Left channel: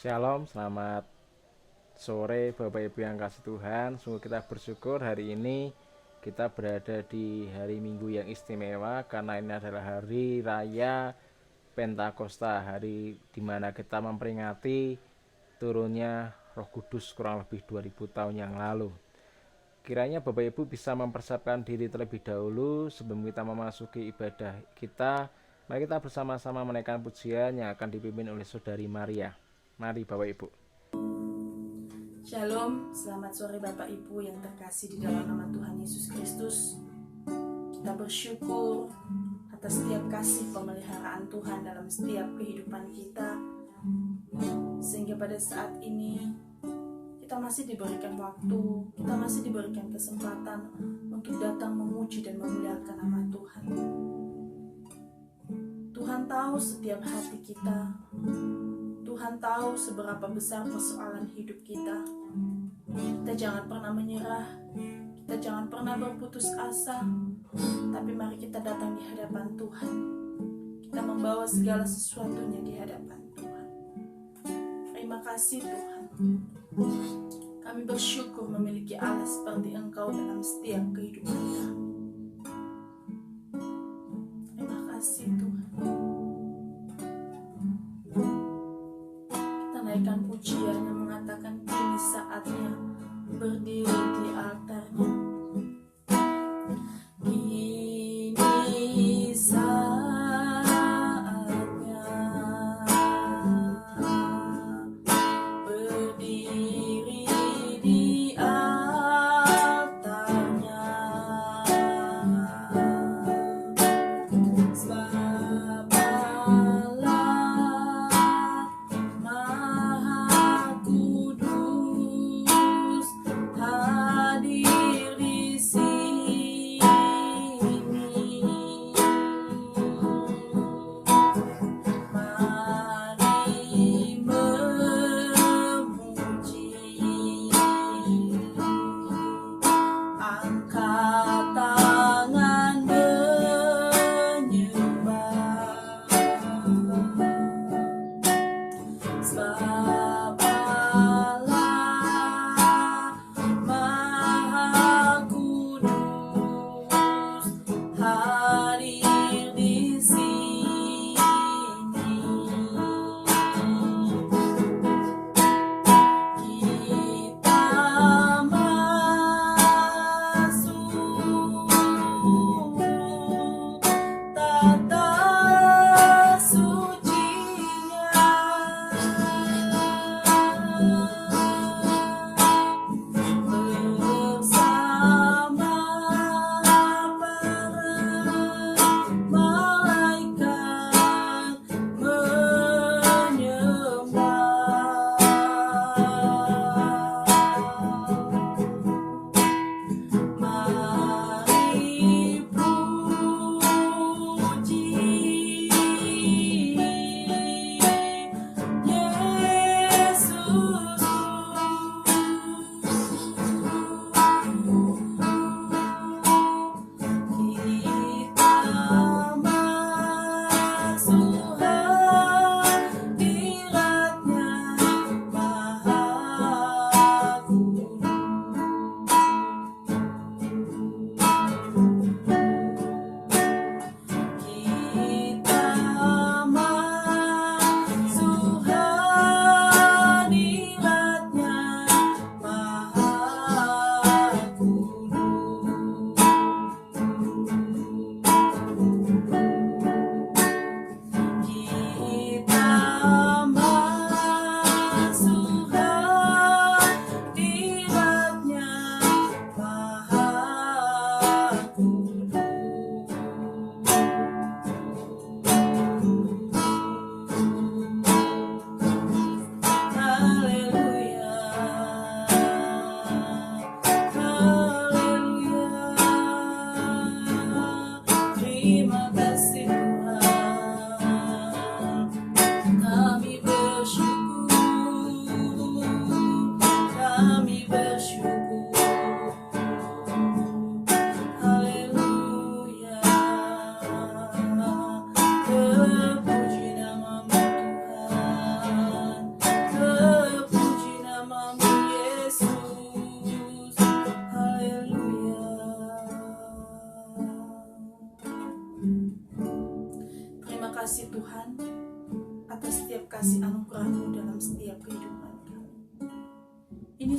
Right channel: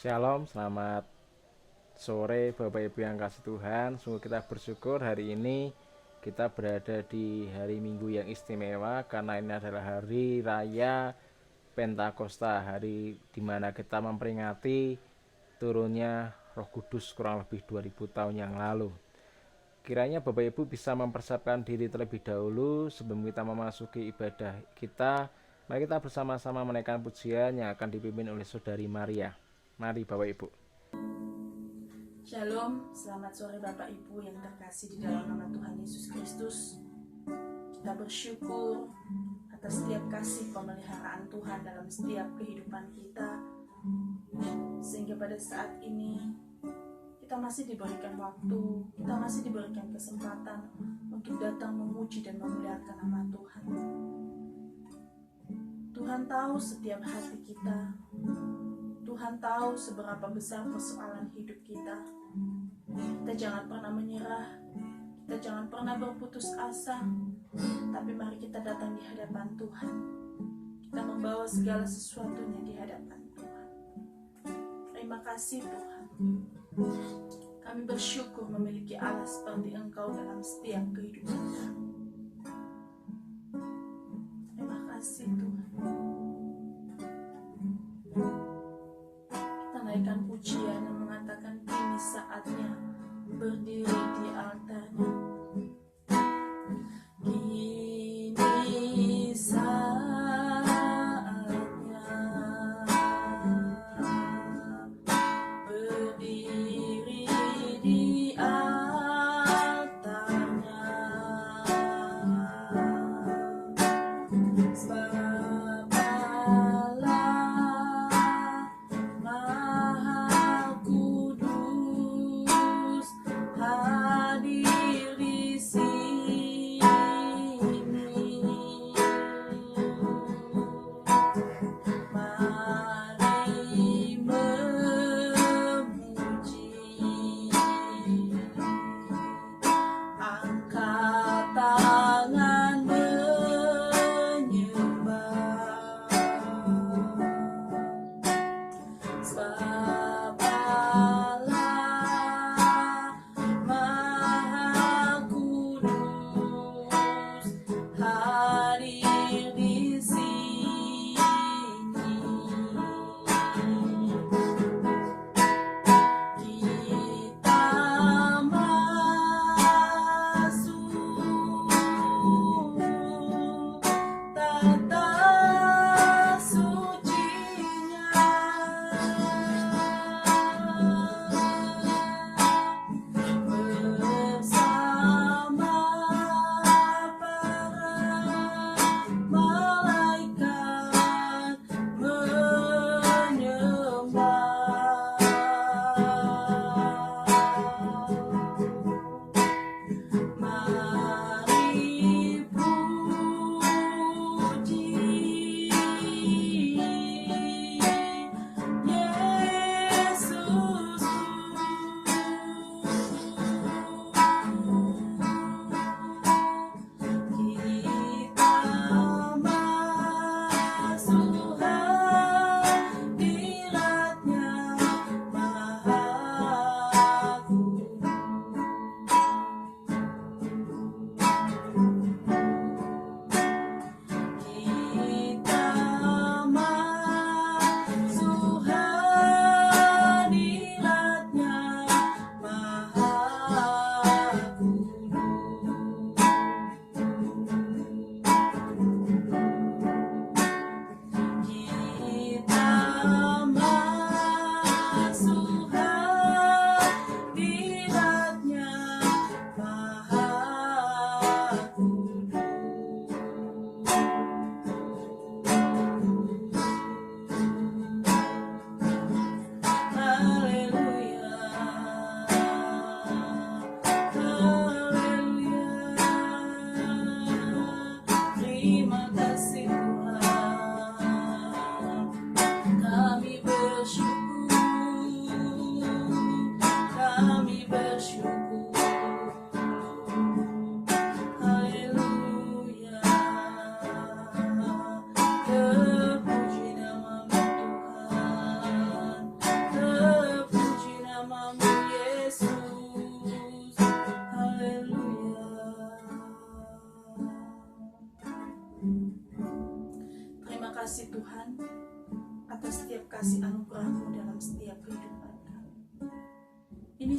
Shalom, selamat sore Bapak Ibu yang kasih Tuhan. Sungguh kita bersyukur hari ini kita berada di hari Minggu yang istimewa karena ini adalah hari raya Pentakosta, hari di mana kita memperingati turunnya Roh Kudus kurang lebih 2000 tahun yang lalu. Kiranya Bapak Ibu bisa mempersiapkan diri terlebih dahulu sebelum kita memasuki ibadah kita. Mari kita bersama-sama menaikkan pujian yang akan dipimpin oleh Saudari Maria. Mari Bapak Ibu. Shalom, selamat sore Bapak Ibu yang terkasih di dalam nama Tuhan Yesus Kristus. Kita bersyukur atas setiap kasih pemeliharaan Tuhan dalam setiap kehidupan kita, sehingga pada saat ini kita masih diberikan waktu, kita masih diberikan kesempatan untuk datang memuji dan memuliakan nama Tuhan. Tuhan tahu setiap hati kita, Tuhan tahu seberapa besar persoalan hidup kita. Kita jangan pernah menyerah, kita jangan pernah berputus asa, tapi mari kita datang di hadapan Tuhan. Kita membawa segala sesuatunya di hadapan Tuhan. Terima kasih Tuhan. Kami bersyukur memiliki Allah seperti Engkau dalam setiap kehidupan kami. Terima kasih Tuhan. Kita naikkan pujian yang mengatakan kini saatnya berdiri di altarnya. Ini saatnya berdiri di altarnya. Sebab Allah Maha Kudus.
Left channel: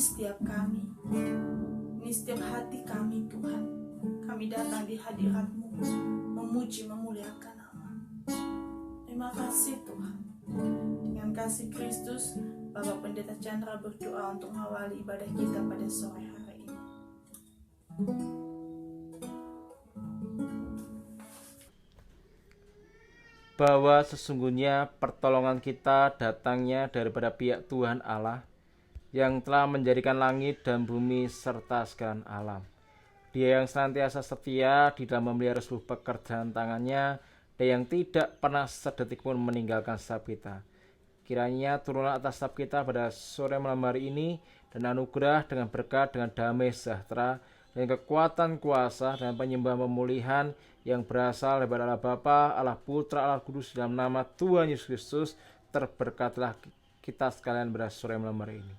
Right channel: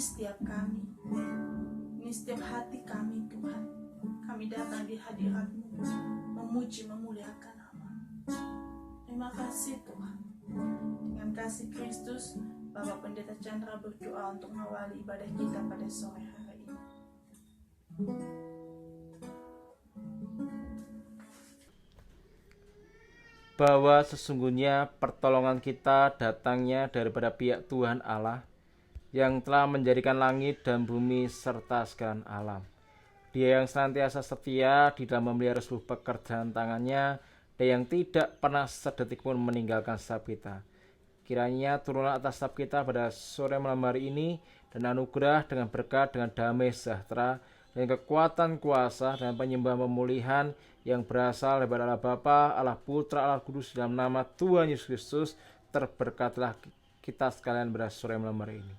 setiap kami, ini setiap hati kami Tuhan. Kami datang di hadirat-Mu, memuji, memuliakan nama. Terima kasih Tuhan. Dengan kasih Kristus, Bapak Pendeta Chandra berdoa untuk mengawali ibadah kita pada sore hari ini. Bahwa sesungguhnya pertolongan kita datangnya daripada pihak Tuhan Allah yang telah menjadikan langit dan bumi serta segala alam. Dia yang senantiasa setia di dalam memelihara seluruh pekerjaan tangannya dan yang tidak pernah sedetik pun meninggalkan setiap kita. Kiranya turunlah atas setiap kita pada sore malam hari ini dan anugerah dengan berkat, dengan damai sejahtera, dan kekuatan kuasa dan penyembahan pemulihan yang berasal daripada Allah Bapa, Allah Putra, Allah Kudus dalam nama Tuhan Yesus Kristus. Terberkatilah kita sekalian pada sore malam hari ini.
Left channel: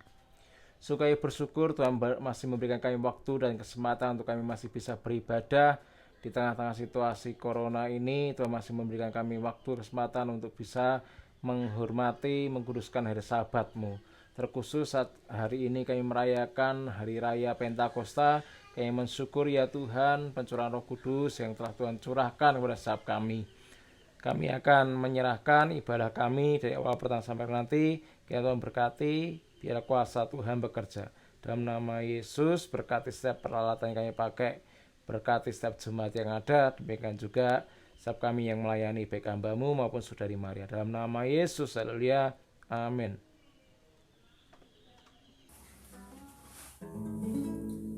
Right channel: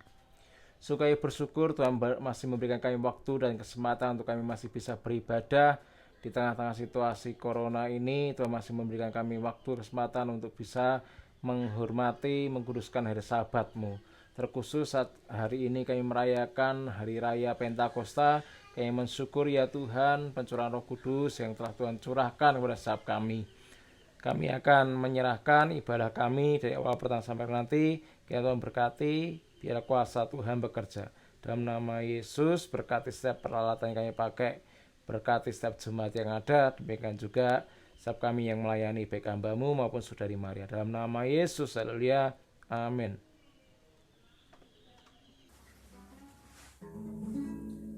Sukai bersyukur Tuhan masih memberikan kami waktu dan kesempatan untuk kami masih bisa beribadah di tengah-tengah situasi corona ini. Tuhan masih memberikan kami waktu kesempatan untuk bisa menghormati, mengkuduskan hari Sabat-Mu. Terkhusus saat hari ini kami merayakan Hari Raya Pentakosta, kami mensyukur ya Tuhan pencurahan Roh Kudus yang telah Tuhan curahkan kepada setiap kami. Kami akan menyerahkan ibadah kami dari awal pertama sampai nanti. Kiranya Tuhan berkati, biar kuasa Tuhan bekerja. Dalam nama Yesus, berkati setiap peralatan yang kami pakai, berkati setiap jemaat yang ada, demikian juga setiap kami yang melayani baik hamba-Mu maupun Saudari Maria. Dalam nama Yesus, haleluya, amin.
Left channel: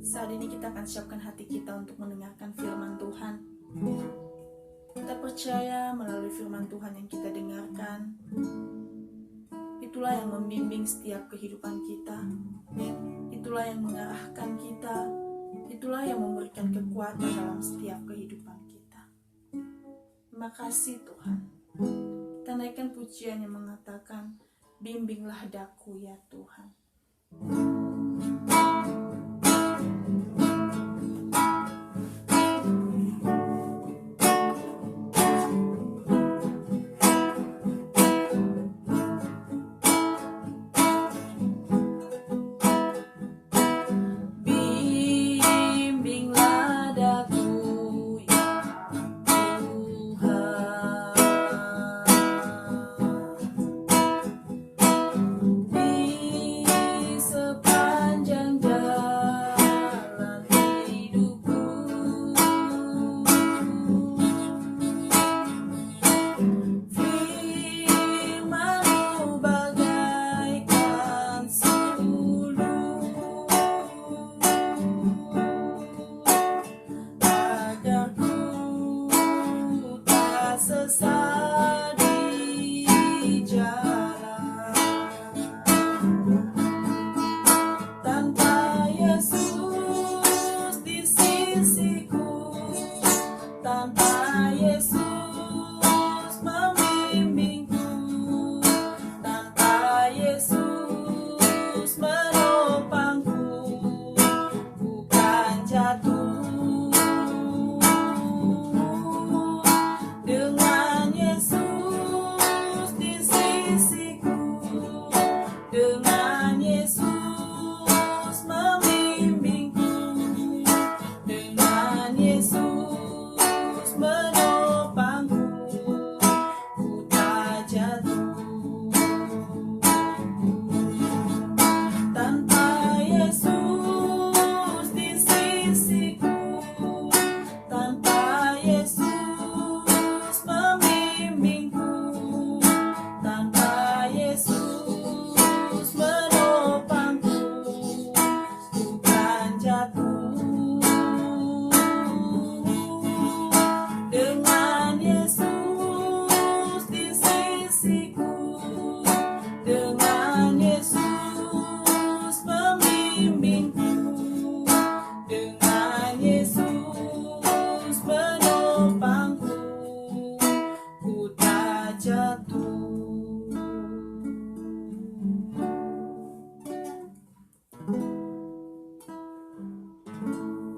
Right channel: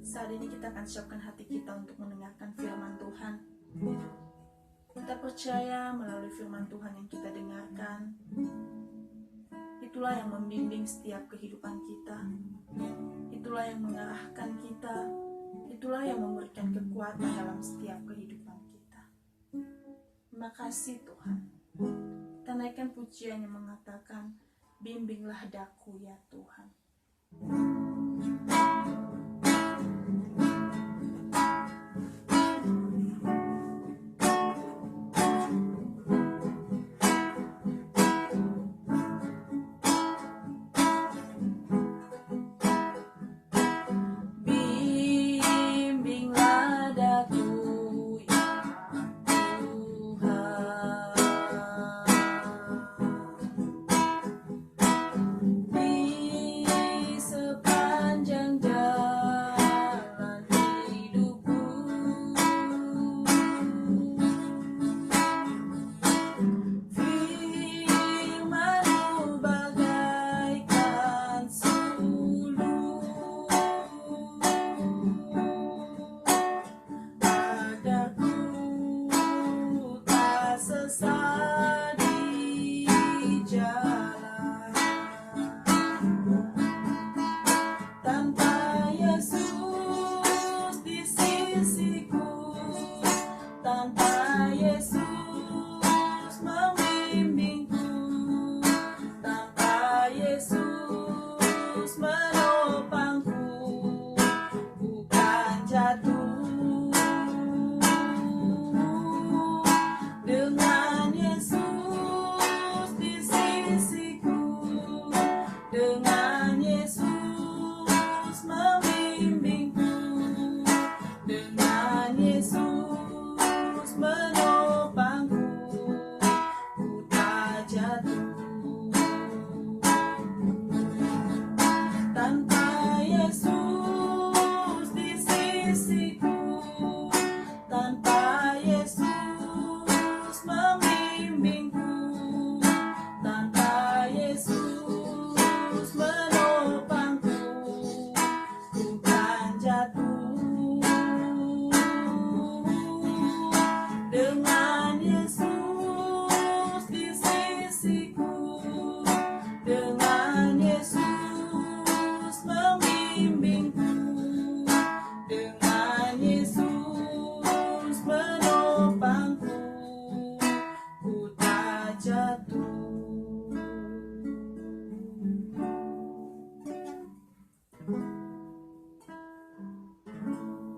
Saat ini kita akan siapkan hati kita untuk mendengarkan firman Tuhan. Kita percaya melalui firman Tuhan yang kita dengarkan, itulah yang membimbing setiap kehidupan kita, itulah yang mengarahkan kita, itulah yang memberikan kekuatan dalam setiap kehidupan kita. Terima kasih Tuhan. Kita naikkan pujian yang mengatakan, bimbinglah daku ya Tuhan.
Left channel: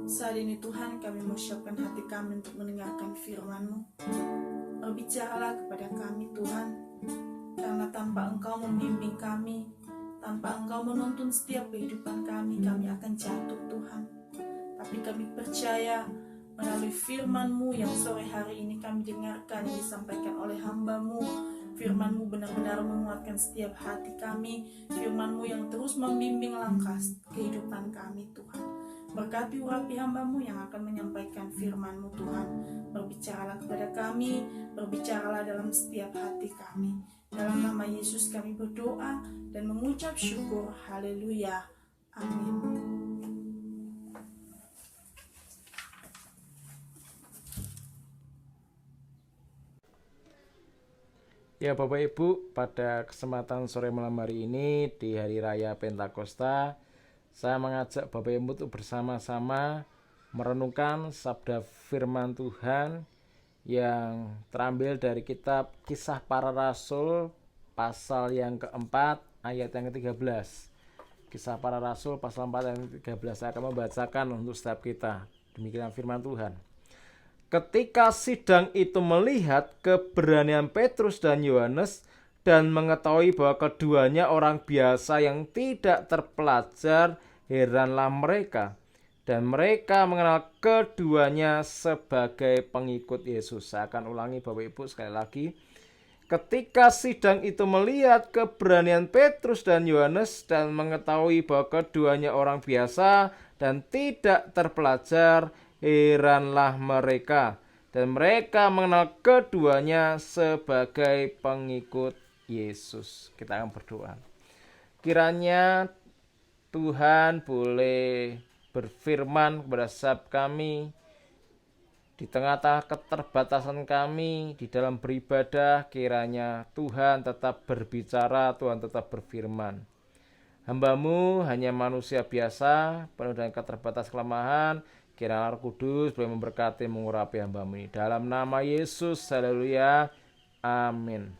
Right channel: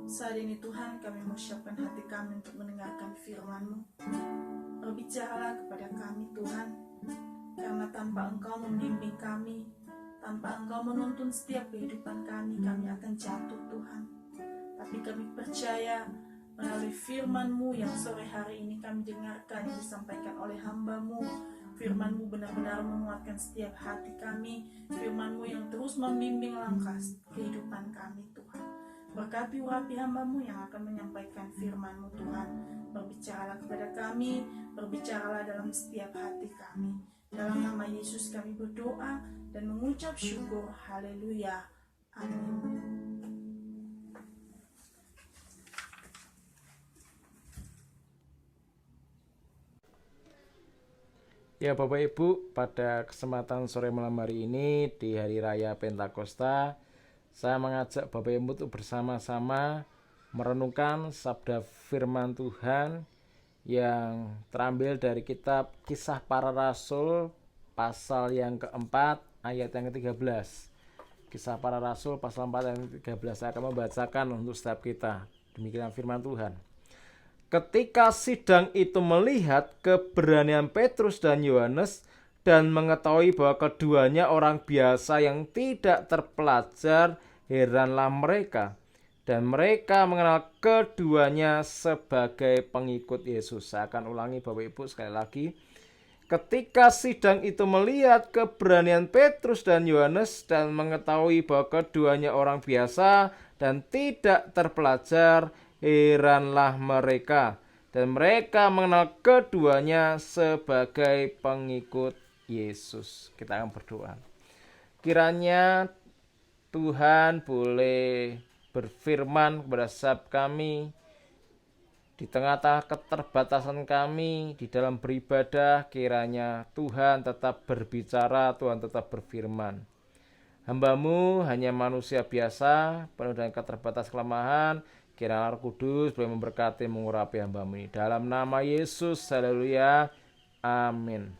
Saat ini Tuhan, kami menyiapkan hati kami untuk mendengarkan firman-Mu. Berbicaralah kepada kami Tuhan, karena tanpa Engkau membimbing kami, Tanpa Engkau menuntun setiap kehidupan kami akan jatuh Tuhan. Tapi kami percaya melalui firman-Mu yang sore hari ini kami dengarkan yang disampaikan oleh hamba-Mu. Firman-Mu benar-benar menguatkan setiap hati kami. Firman-Mu yang terus membimbing langkah kehidupan kami Tuhan. Berkati urapi hamba-Mu yang akan menyampaikan firman-Mu Tuhan. Berbicaralah kepada kami, berbicaralah dalam setiap hati kami. Dalam nama Yesus kami berdoa dan mengucap syukur. Haleluya. Amin. Ya Bapak Ibu, pada kesempatan sore malam hari ini di Hari Raya Pentakosta, saya mengajak Bapak Ibu untuk bersama-sama merenungkan sabda firman Tuhan yang terambil dari kitab Kisah Para Rasul pasal yang keempat ayat yang ke-13. Kisah Para Rasul pasal 4 ayat yang ke-13. Saya akan membacakan untuk setiap kita. Demikian firman Tuhan. Ketika sidang itu melihat keberanian Petrus dan Yohanes dan mengetahui bahwa keduanya orang biasa yang tidak terpelajar, heranlah mereka. Dan mereka mengenal keduanya sebagai pengikut Yesus. Saya akan ulangi Bapak Ibu sekali lagi. Ketika sidang itu melihat keberanian Petrus dan Yohanes dan mengetahui bahwa keduanya orang biasa dan tidak terpelajar, heranlah mereka. Dan mereka mengenal keduanya sebagai pengikut Yesus. Kita akan berdoa. Kiranya Tuhan boleh berfirman kepada setiap kami di tengah-tengah keterbatasan kami di dalam beribadah. Kiranya Tuhan tetap berbicara, Tuhan tetap berfirman. Hamba-Mu hanya manusia biasa, penuh dengan keterbatasan kelemahan. Kiranya Roh Kudus boleh memberkati, mengurapi hamba-Mu ini. Dalam nama Yesus, haleluya, amin.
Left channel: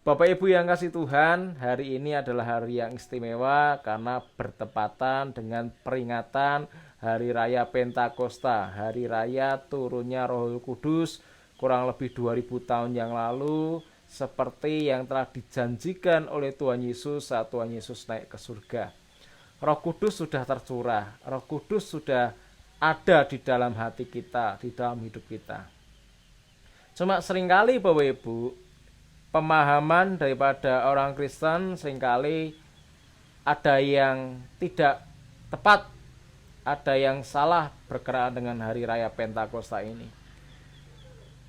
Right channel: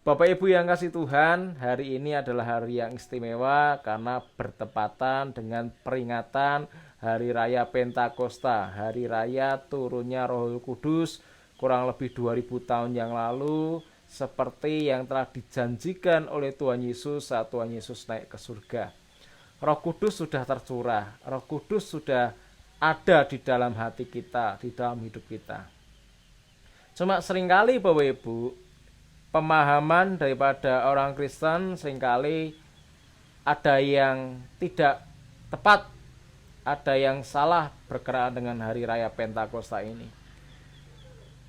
Bapak Ibu yang kasih Tuhan, hari ini adalah hari yang istimewa karena bertepatan dengan peringatan Hari Raya Pentakosta, Hari Raya turunnya Roh Kudus kurang lebih 2000 tahun yang lalu, seperti yang telah dijanjikan oleh Tuhan Yesus saat Tuhan Yesus naik ke surga. Roh Kudus sudah tercurah, Roh Kudus sudah ada di dalam hati kita, di dalam hidup kita. Cuma seringkali Bapak Ibu, pemahaman daripada orang Kristen seringkali ada yang tidak tepat, ada yang salah berkenaan dengan Hari Raya Pentakosta ini.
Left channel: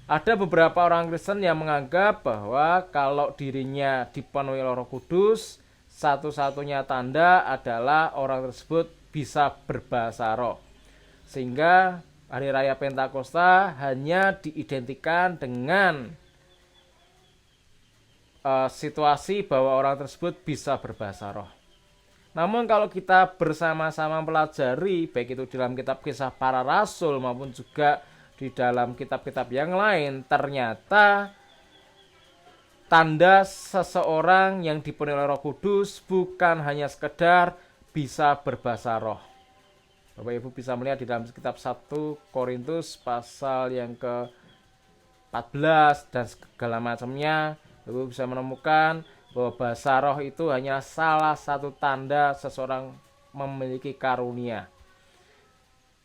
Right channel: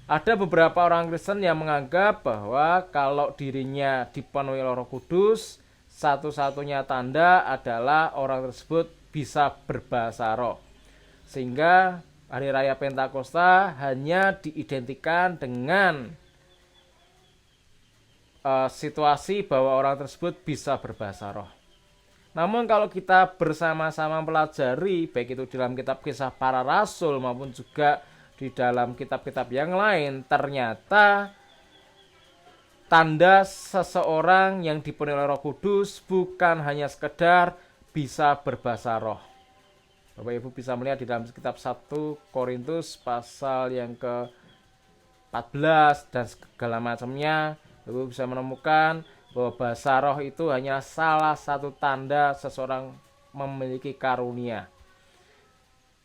Ada beberapa orang Kristen yang menganggap bahwa kalau dirinya dipenuhi oleh Roh Kudus, satu-satunya tanda adalah orang tersebut bisa berbahasa roh. Sehingga Hari Raya Pentakosta hanya diidentikan dengan situasi bahwa orang tersebut bisa berbahasa roh. Namun kalau kita bersama-sama pelajari, baik itu dalam kitab Kisah Para Rasul maupun juga di dalam kitab-kitab yang lain, ternyata tanda seseorang yang dipenuhi oleh Roh Kudus bukan hanya sekedar bisa berbahasa roh. Bapak Ibu bisa melihat di dalam kitab 1 Korintus pasal yang ke-14 dan segala macamnya. Ibu bisa menemukan bahwa bahasa roh itu hanya salah satu tanda seseorang memiliki karunia.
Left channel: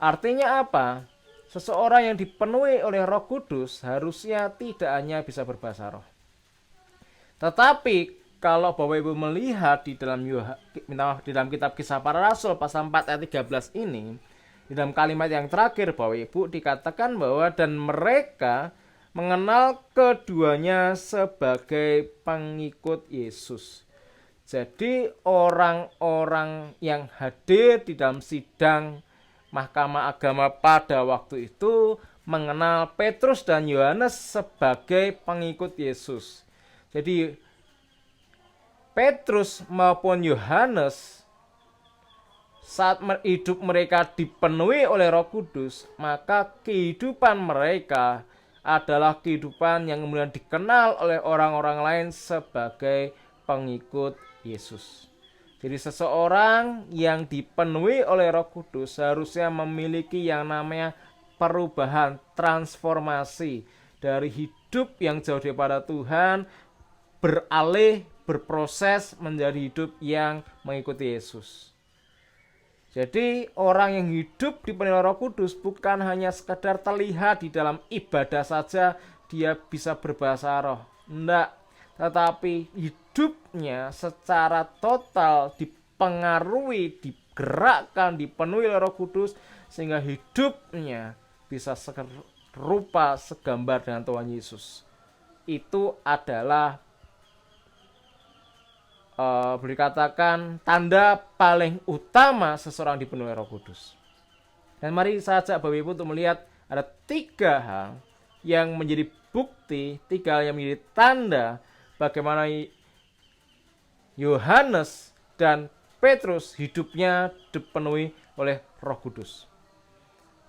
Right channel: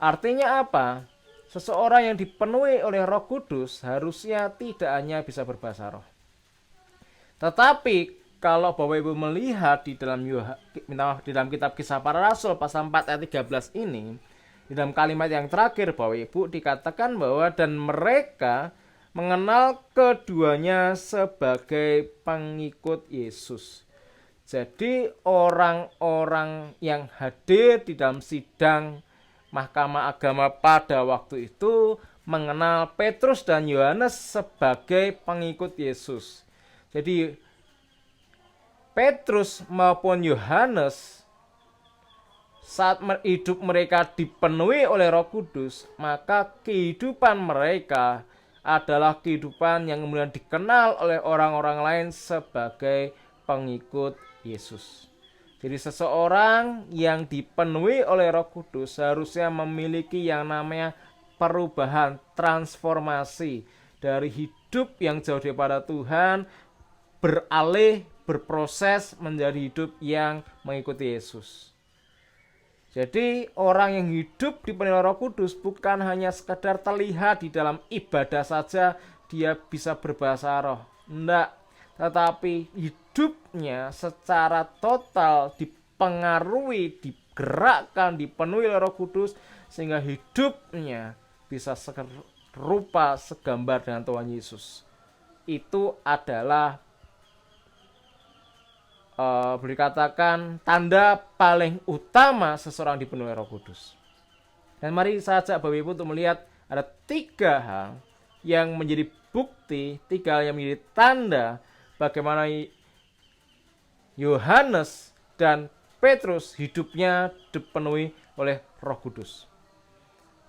Artinya apa? Seseorang yang dipenuhi oleh Roh Kudus harusnya tidak hanya bisa berbahasa roh. Tetapi kalau Bapak Ibu melihat di dalam kitab Kisah Para Rasul pasal 4 ayat 13 ini, di dalam kalimat yang terakhir Bapak Ibu dikatakan bahwa dan mereka mengenal keduanya sebagai pengikut Yesus. Jadi orang-orang yang hadir di dalam sidang Mahkamah Agama pada waktu itu mengenal Petrus dan Yohanes sebagai pengikut Yesus. Jadi Petrus maupun Yohanes saat hidup mereka dipenuhi oleh Roh Kudus, maka kehidupan mereka adalah kehidupan yang kemudian dikenal oleh orang-orang lain sebagai pengikut Yesus. Jadi seseorang yang dipenuhi oleh Roh Kudus harusnya memiliki yang namanya perubahan, transformasi dari hidup yang jauh daripada Tuhan beralih berproses menjadi hidup yang mengikuti Yesus. Jadi orang yang hidup dipenuhi Roh Kudus bukan hanya sekadar terlihat di dalam ibadah saja dia bisa berbahasa roh. Enggak, tetapi hidupnya secara total dipengaruhi, digerakkan, dipenuhi oleh Roh Kudus sehingga hidupnya bisa serupa segambar dengan Tuhan Yesus. Itu adalah boleh dikatakan tanda paling utama seseorang dipenuhi Roh Kudus. Dan mari saja Bapak Ibu untuk melihat ada 3 hal yang menjadi bukti, 3 hal yang menjadi tanda bagaimana Yohanes dan Petrus hidupnya dipenuhi oleh Roh Kudus.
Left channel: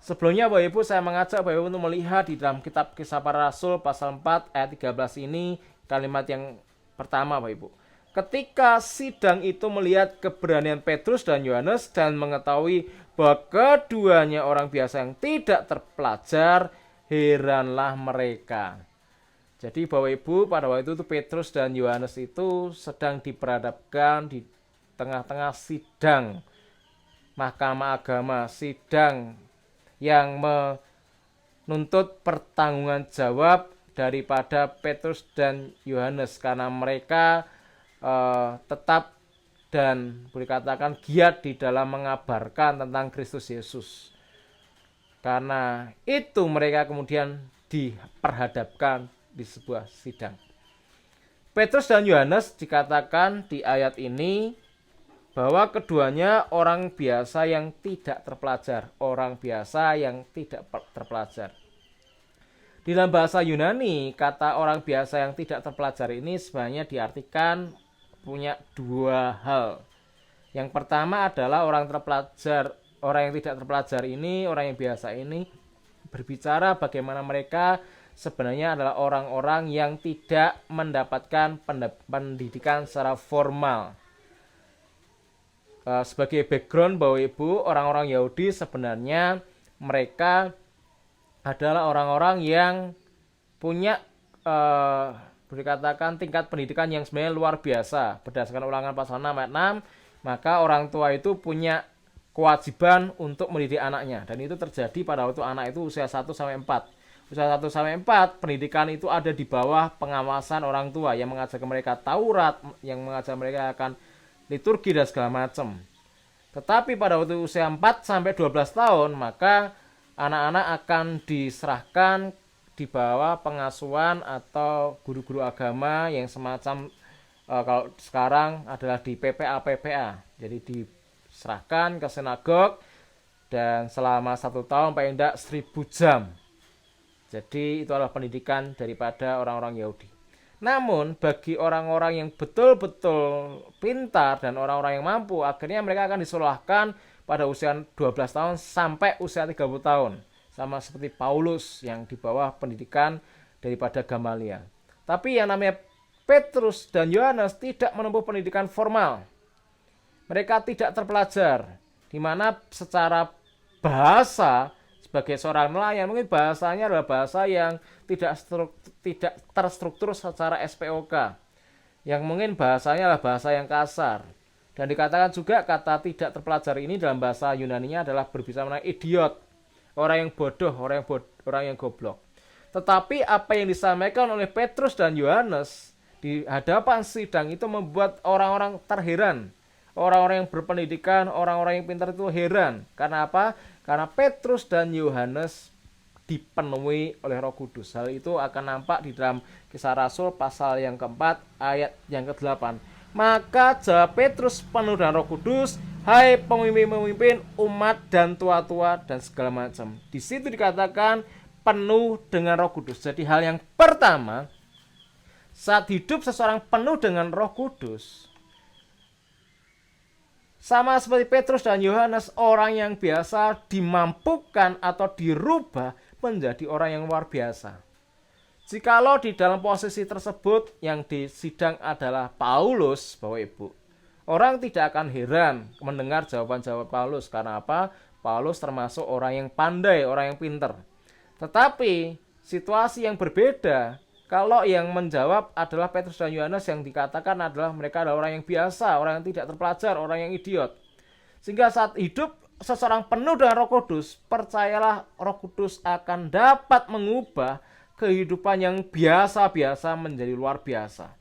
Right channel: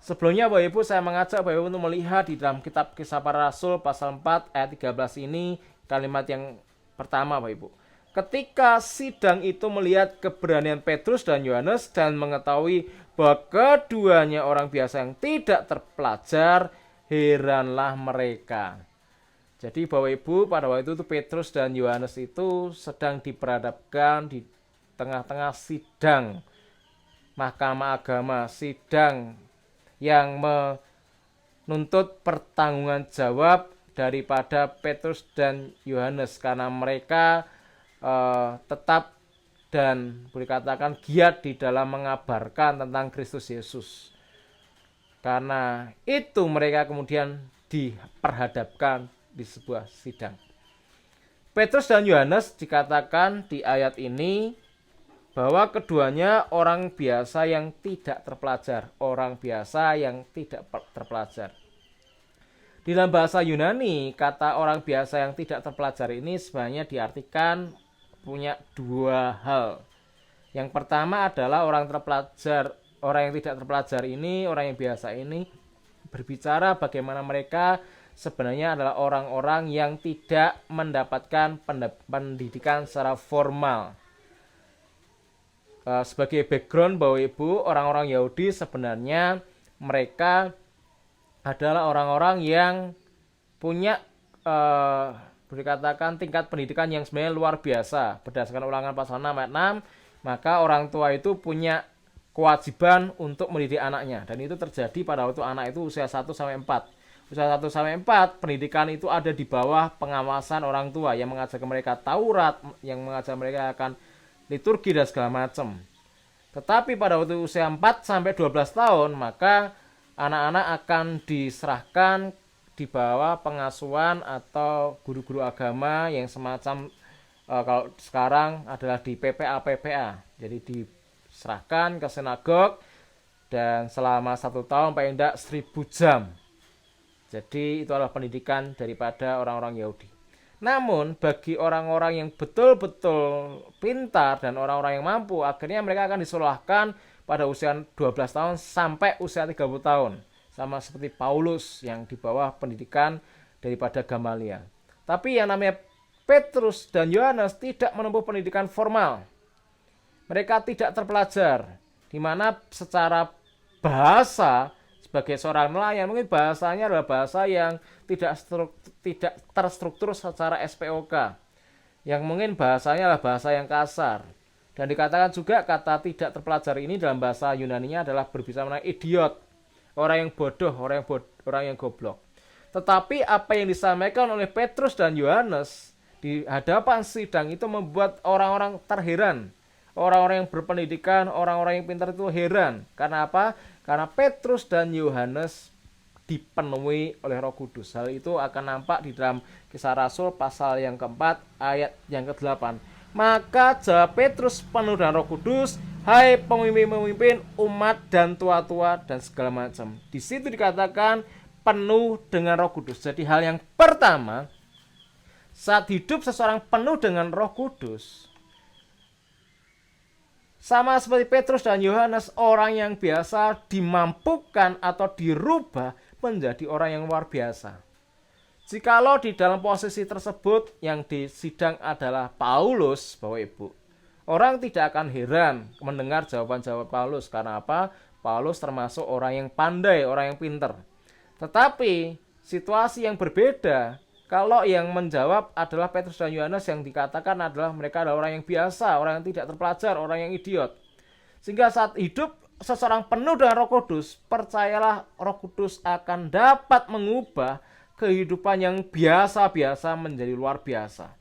Sebelumnya Bapak Ibu, saya mengajak Bapak Ibu untuk melihat di dalam kitab Kisah Para Rasul pasal 4 ayat 13 ini, kalimat yang pertama Bapak Ibu. Ketika sidang itu melihat keberanian Petrus dan Yohanes dan mengetahui bahwa keduanya orang biasa yang tidak terpelajar, heranlah mereka. Jadi Bapak Ibu, pada waktu itu Petrus dan Yohanes itu sedang diperhadapkan di tengah-tengah sidang mahkamah agama, sidang yang menuntut pertanggungan jawab daripada Petrus dan Yohanes karena mereka tetap dan boleh katakan giat di dalam mengabarkan tentang Kristus Yesus. Karena itu mereka kemudian diperhadapkan di sebuah sidang. Petrus dan Yohanes dikatakan di ayat ini bahwa keduanya orang biasa yang tidak terpelajar. Orang biasa yang tidak terpelajar. Di dalam bahasa Yunani, kata orang biasa yang tidak terpelajar ini sebenarnya diartikan punya 2 hal. Yang pertama adalah orang terpelajar, orang yang tidak terpelajar ini, orang yang biasa ini berbicara bagaimana mereka sebenarnya adalah orang-orang yang tidak mendapatkan pendidikan secara formal. Sebagai background Bapak Ibu, orang-orang Yahudi sebenarnya mereka adalah orang-orang yang punya boleh dikatakan tingkat pendidikan yang sebenarnya luar biasa. Berdasarkan Ulangan pasal 6 ayat 6, maka orang tua itu punya kewajiban untuk mendidik anaknya. Dan itu terjadi pada waktu anak itu usia 1 sampai 4. Usia 1 sampai 4, pendidikan itu ada di bawah pengawasan orang tua yang mengajar mereka Taurat, yang mengajar mereka akan liturgi dan segala macam. Tetapi pada waktu usia 4 sampai 12 tahun, maka anak-anak akan diserahkan di bawah pengasuhan atau guru-guru agama yang semacam kalau sekarang adalah di PPA. Jadi diserahkan ke sinagog dan selama 1 tahun paling tidak 1000 jam. Jadi itu adalah pendidikan daripada orang-orang Yahudi. Namun bagi orang-orang yang betul-betul pintar dan orang-orang yang mampu, akhirnya mereka akan disekolahkan pada usia 12 tahun sampai usia 30 tahun. Sama seperti Paulus yang di bawah pendidikan daripada Gamaliel. Tapi yang namanya Petrus dan Yohanes tidak menempuh pendidikan formal. Mereka tidak terpelajar, di mana secara bahasa sebagai seorang nelayan mungkin bahasanya adalah bahasa yang tidak terstruktur secara SPOK. Yang mungkin bahasanya adalah bahasa yang kasar. Dan dikatakan juga kata tidak terpelajar ini dalam bahasa Yunaninya adalah berbicara mengenai idiot. Orang yang bodoh, orang yang goblok. Tetapi apa yang disampaikan oleh Petrus dan Yohanes di hadapan sidang itu membuat orang-orang terheran. Orang-orang yang berpendidikan, orang-orang yang pintar itu heran. Karena apa? Karena Petrus dan Yohanes dipenuhi oleh Roh Kudus. Hal itu akan nampak di dalam Kisah Rasul pasal yang keempat ayat yang ke-8. Maka jawab Petrus penuh dengan Roh Kudus, hai pemimpin-pemimpin umat dan tua-tua dan segala macam. Di situ dikatakan penuh dengan Roh Kudus. Jadi hal yang pertama, saat hidup seseorang penuh dengan Roh Kudus, sama seperti Petrus dan Yohanes, orang yang biasa dimampukan atau dirubah menjadi orang yang luar biasa. Jikalau di dalam posisi tersebut yang disidang adalah Paulus, Bapak Ibu, orang tidak akan heran mendengar jawaban-jawaban Paulus. Karena apa? Paulus termasuk orang yang pandai, orang yang pintar. Tetapi situasi yang berbeda Kalau yang menjawab adalah Petrus dan Yohanes, yang dikatakan adalah mereka adalah orang yang biasa, orang yang tidak terpelajar, orang yang idiot. Sehingga saat hidup seseorang penuh dengan Roh Kudus, percayalah Roh Kudus akan dapat mengubah kehidupan yang biasa-biasa menjadi luar biasa.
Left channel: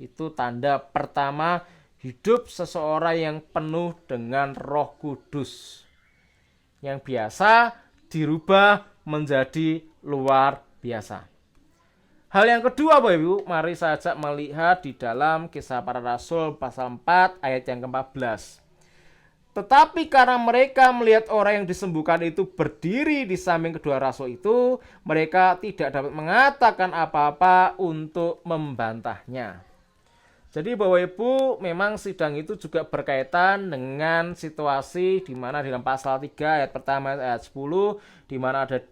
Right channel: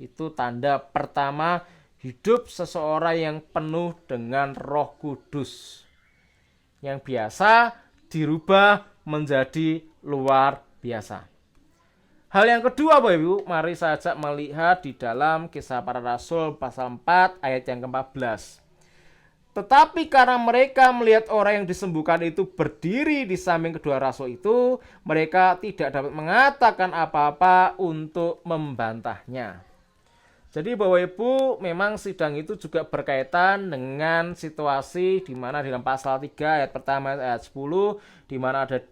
Itu tanda pertama hidup seseorang yang penuh dengan Roh Kudus. Yang biasa dirubah menjadi luar biasa. Hal yang kedua Bapak Ibu, mari saja melihat di dalam Kisah Para Rasul pasal 4 ayat yang ke-14. Tetapi karena mereka melihat orang yang disembuhkan itu berdiri di samping kedua rasul itu, mereka tidak dapat mengatakan apa-apa untuk membantahnya. Jadi Bapak Ibu, memang sidang itu juga berkaitan dengan situasi di mana dalam pasal 3 ayat pertama ayat 10, di mana ada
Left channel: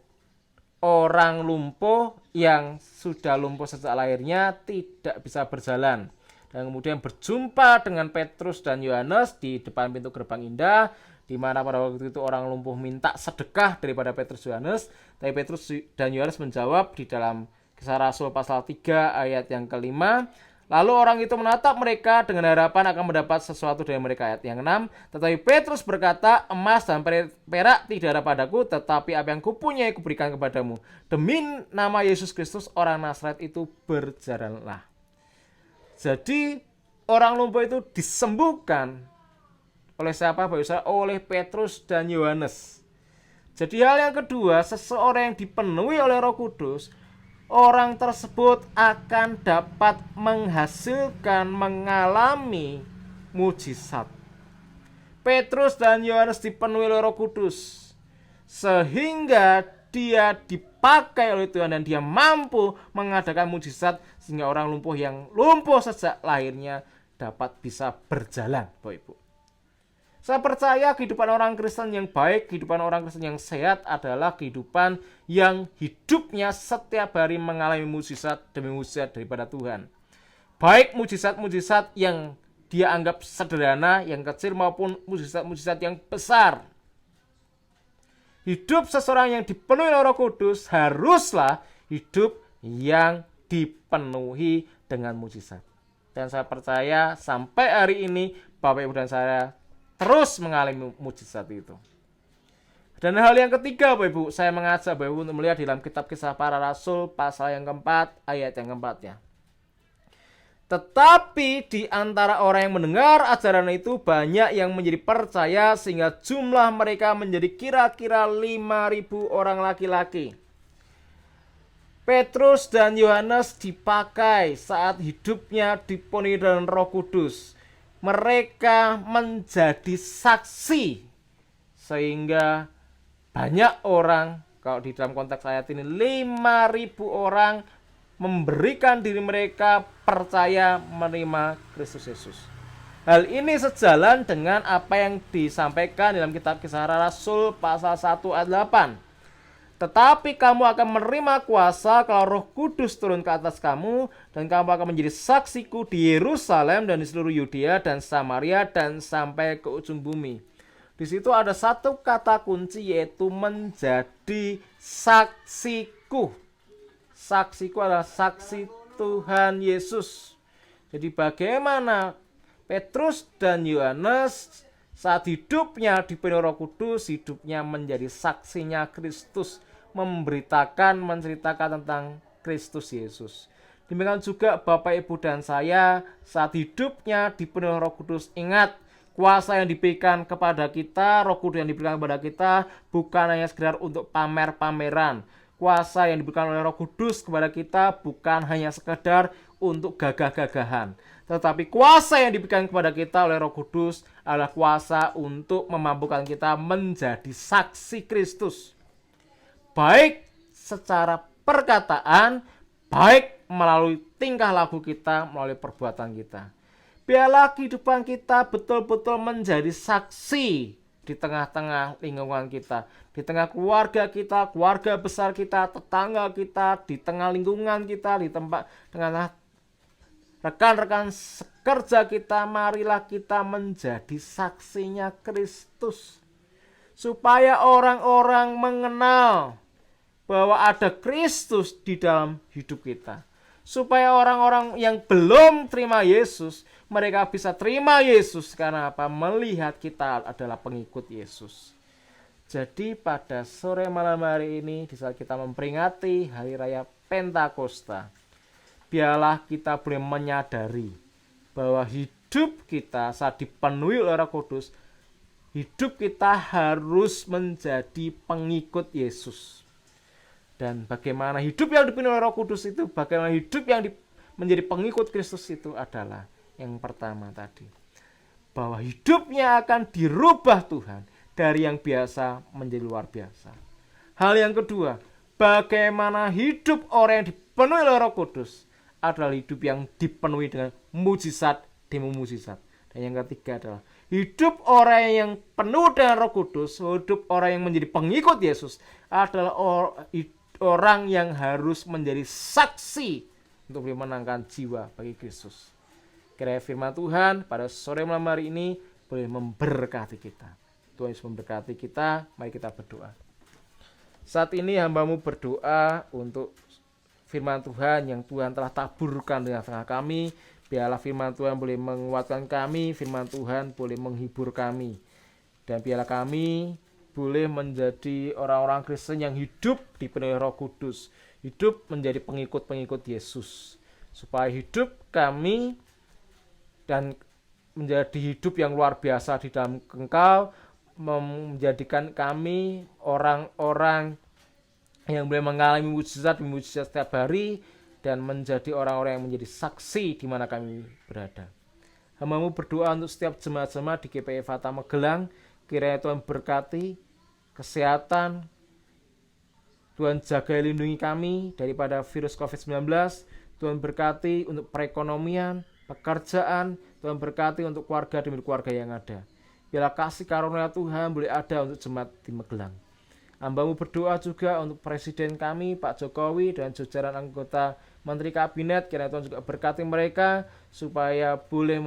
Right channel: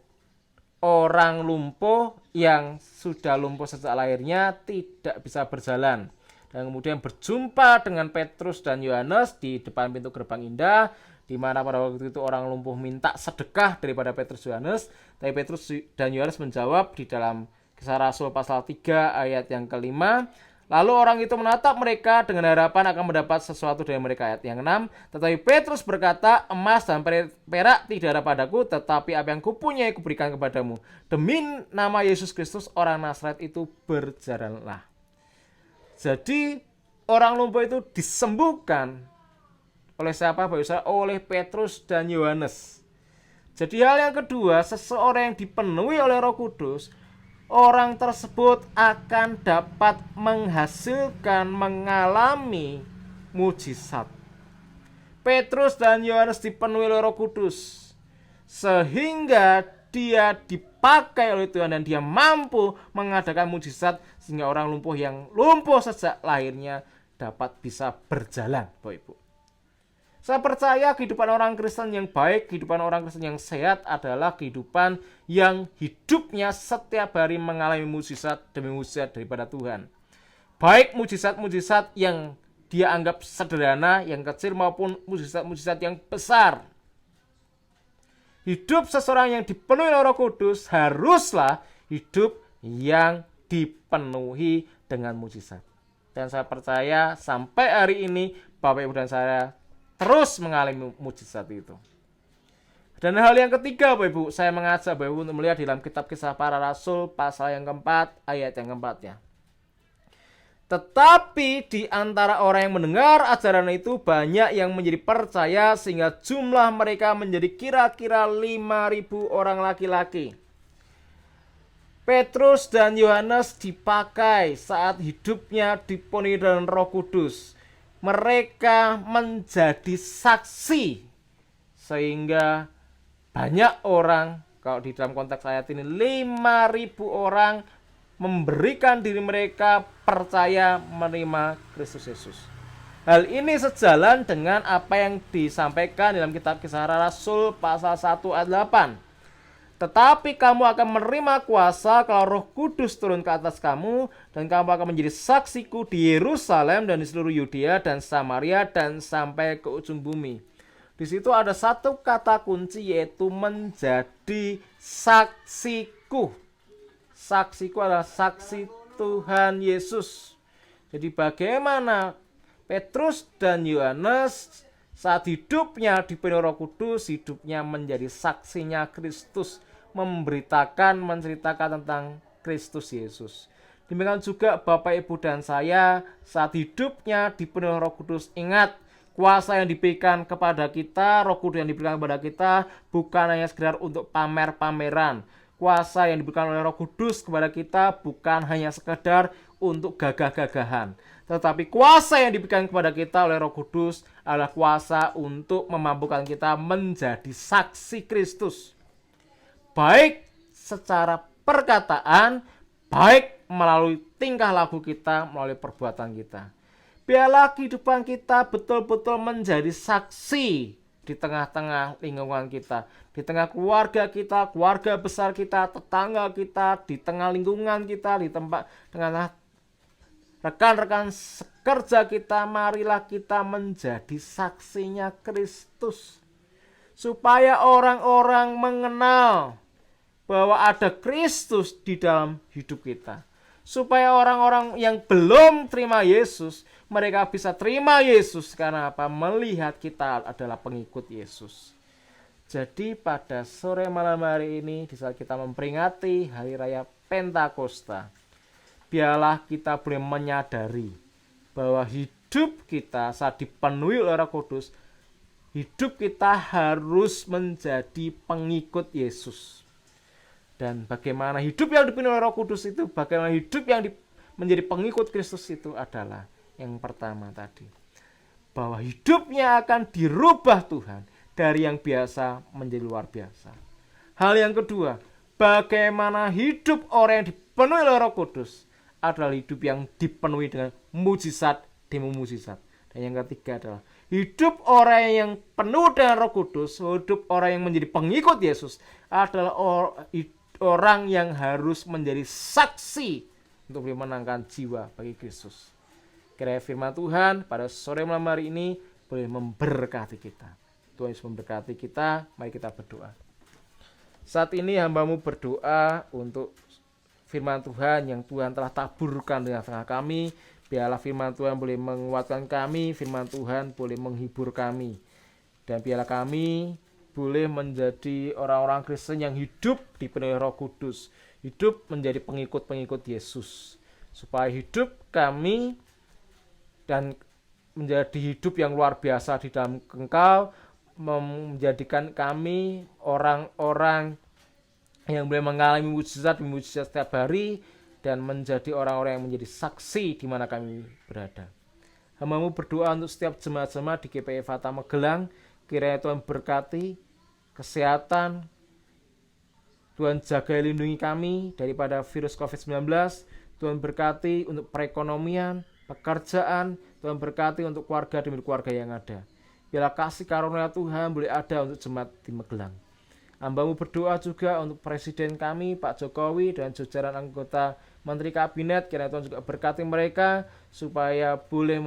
orang lumpuh yang sudah lumpuh sejak lahirnya tidak bisa berjalan. Dan kemudian berjumpa dengan Petrus dan Yohanes di depan pintu gerbang indah, di mana pada waktu itu orang lumpuh minta sedekah daripada Petrus dan Yohanes. Tapi Petrus dan Yohanes menjawab di dalam Kisah Rasul pasal 3 ayat yang ke-5. Lalu orang itu menatap mereka dengan harapan akan mendapat sesuatu dari mereka. Ayat yang 6. Tetapi Petrus berkata, emas dan perak tidak ada padaku, tetapi apa yang kupunyai kuberikan kepadamu. Demi nama Yesus Kristus orang Nazaret itu berjalanlah. Jadi orang lumpuh itu disembuhkan oleh siapa? Oleh Petrus dan Yohanes. Jadi hal yang kedua, seseorang yang dipenuhi oleh Roh Kudus, orang tersebut akan dapat menghasilkan, mengalami mujizat. Petrus dan Yohanes dipenuhi oleh Roh Kudus sehingga dia dipakai oleh Tuhan dan dia mampu mengadakan mujizat sehingga orang lumpuh yang lumpuh sejak lahirnya dapat bisa berjalan, Bapak Ibu. Saya percaya kehidupan orang Kristen yang baik, kehidupan orang Kristen yang sehat adalah kehidupan yang hidupnya setiap hari mengalami mujizat demi mujizat daripada Tuhan. Baik mujizat-mujizat yang dia anggap sederhana, yang kecil, maupun mujizat-mujizat yang besar. Hidup seseorang yang dipenuhi oleh Roh Kudus haruslah hidup yang dipenuhi dengan mujizat. Dan saya percaya sampai hari ini Bapak Ibu dan saya terus mengalami mujizat itu. Dan hal yang ketiga Bapak Ibu, saya mengajak Bapak Ibu untuk melihat dalam kitab Kisah Para Rasul pasal yang keempat ayat yang keempatnya. Tetapi di antara orang yang mendengar ajaran itu banyak yang menjadi percaya sehingga jumlah mereka menjadi kira-kira 5.000 orang laki-laki. Petrus dan Yohanes dipakai saat hidupnya dipenuhi dengan Roh Kudus. Mereka menjadi saksi sehingga banyak orang, kalau di dalam konteks ayat ini 5.000 orang memberikan diri mereka percaya menerima Kristus Yesus. Hal ini sejalan dengan apa yang disampaikan dalam kitab Kisah Rasul pasal 1 ayat 8. Tetapi kamu akan menerima kuasa kalau Roh Kudus turun ke atas kamu, dan kamu akan menjadi saksiku di Yerusalem dan di seluruh Yudea dan Samaria dan sampai ke ujung bumi. Di situ ada satu kata kunci, yaitu menjadi saksiku. Saksiku adalah saksi Tuhan Yesus. Jadi bagaimana Petrus dan Yohanes saat hidupnya dipenuhi Roh Kudus, hidupnya menjadi saksinya Kristus, memberitakan, menceritakan tentang Kristus Yesus. Demikian juga Bapak, Ibu, dan saya saat hidupnya dipenuhi Roh Kudus. Ingat, kuasa yang diberikan kepada kita, Roh Kudus yang diberikan kepada kita bukan hanya sekedar untuk pamer-pameran. Kuasa yang diberikan oleh Roh Kudus kepada kita bukan hanya sekedar untuk gagah-gagahan. Tetapi kuasa yang diberikan kepada kita oleh Roh Kudus adalah kuasa untuk memampukan kita menjadi saksi Kristus. Baik secara perkataan, baik melalui tingkah laku kita, melalui perbuatan kita. Biarlah kehidupan kita betul-betul menjadi saksi di tengah-tengah lingkungan kita, di tengah keluarga kita, keluarga besar kita, tetangga kita, di tengah lingkungan kita, di tempat tengah rekan-rekan sekerja kita. Marilah kita menjadi saksinya Kristus, supaya orang-orang mengenal bahwa ada Kristus di dalam hidup kita, supaya orang-orang yang belum terima Yesus, mereka bisa terima Yesus. Karena apa? Melihat kita adalah pengikut Yesus. Jadi pada sore malam hari ini, di saat kita memperingati Hari Raya Pentakosta, biarlah kita boleh menyadari bahwa hidup kita saat dipenuhi oleh Roh Kudus, hidup kita harus menjadi pengikut Yesus. Dan bagaimana hidup yang dipenuhi oleh Roh Kudus itu, bagaimana hidup yang menjadi pengikut Kristus itu adalah yang pertama tadi, bahwa hidupnya akan dirubah Tuhan dari yang biasa menjadi luar biasa. Hal yang kedua, bagaimana hidup orang yang dipenuhi oleh Roh Kudus adalah hidup yang dipenuhi dengan mujizat demi mujizat. Dan yang ketiga adalah hidup orang yang penuh dengan Roh Kudus, hidup orang yang menjadi pengikut Yesus adalah orang yang harus menjadi saksi untuk memenangkan jiwa bagi Kristus. Kiranya firman Tuhan pada sore malam hari ini boleh memberkati kita. Tuhan Yesus memberkati kita. Mari kita berdoa. Saat ini hamba-Mu berdoa untuk firman Tuhan yang Tuhan telah taburkan di tengah kami. Biarlah firman Tuhan boleh menguatkan kami, firman Tuhan boleh menghibur kami. Dan biarlah kami boleh menjadi orang-orang Kristen yang hidup dipenuhi Roh Kudus, hidup menjadi pengikut-pengikut Yesus, supaya hidup kami dan menjadi hidup yang luar biasa di dalam Engkau, menjadikan kami orang-orang yang boleh mengalami mujizat setiap hari dan menjadi orang-orang yang menjadi saksi di mana kami berada. Hamba-Mu berdoa untuk setiap jemaat-jemaat di GPI Fata Magelang, kiranya Tuhan berkati kesehatan, Tuhan jaga lindungi kami daripada virus COVID-19, Tuhan berkati untuk perekonomian, pekerjaan, Tuhan berkati untuk keluarga demi keluarga yang ada. Biarlah kasih karunia Tuhan boleh ada untuk jemaat di Magelang. Hamba-Mu berdoa juga untuk Presiden kami, Pak Jokowi, dan jajaran anggota Menteri Kabinet. Kiranya Tuhan juga berkati mereka supaya boleh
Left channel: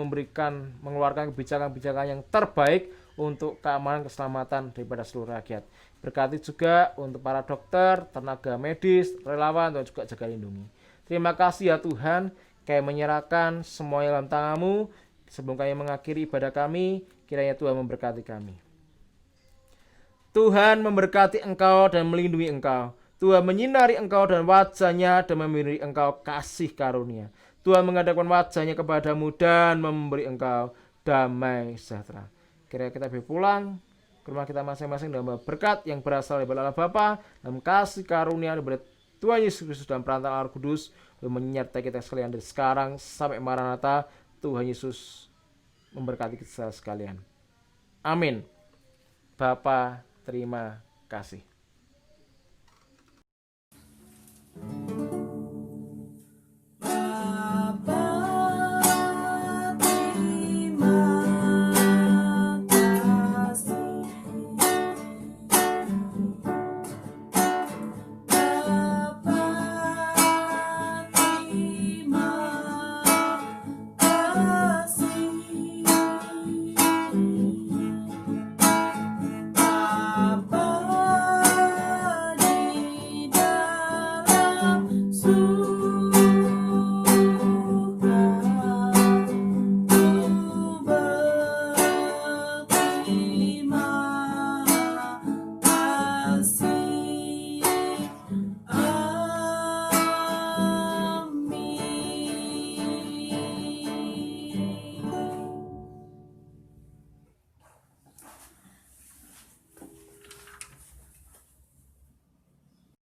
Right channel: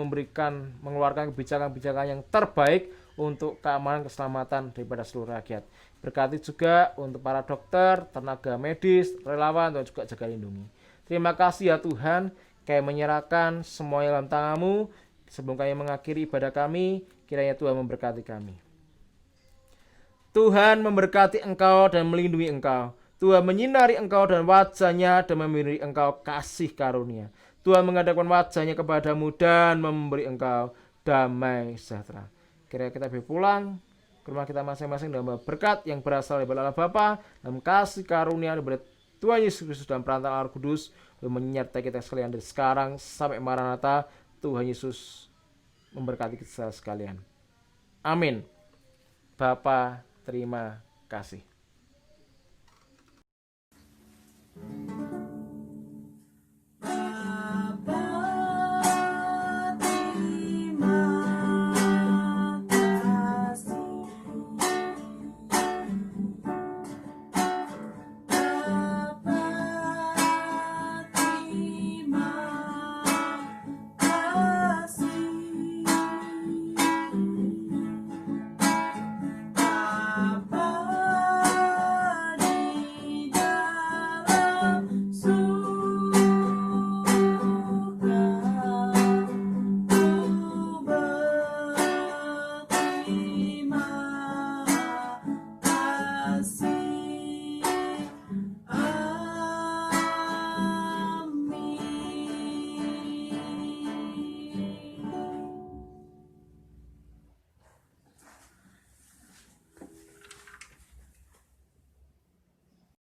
mengeluarkan kebijakan-kebijakan yang terbaik untuk keamanan keselamatan daripada seluruh rakyat. Berkati juga untuk para dokter, tenaga medis, relawan, dan juga jaga lindungi. Terima kasih ya Tuhan, kami menyerahkan semuanya dalam tangan-Mu. Sebelum kami mengakhiri ibadah kami, kiranya Tuhan memberkati kami. Tuhan memberkati engkau dan melindungi engkau. Tuhan menyinari engkau dan wajahnya dan memberi engkau kasih karunia. Tuhan menghadapkan wajahnya kepadamu dan memberi engkau damai sejahtera. Kiranya kita boleh pulang ke rumah kita masing-masing dalam berkat yang berasal dari Allah Bapa, dalam kasih karunia daripada Tuhan Yesus Kristus dan perantara Roh Kudus, menyertai kita sekalian dari sekarang sampai Maranatha. Tuhan Yesus memberkati kita sekalian. Amin. Bapa, terima kasih.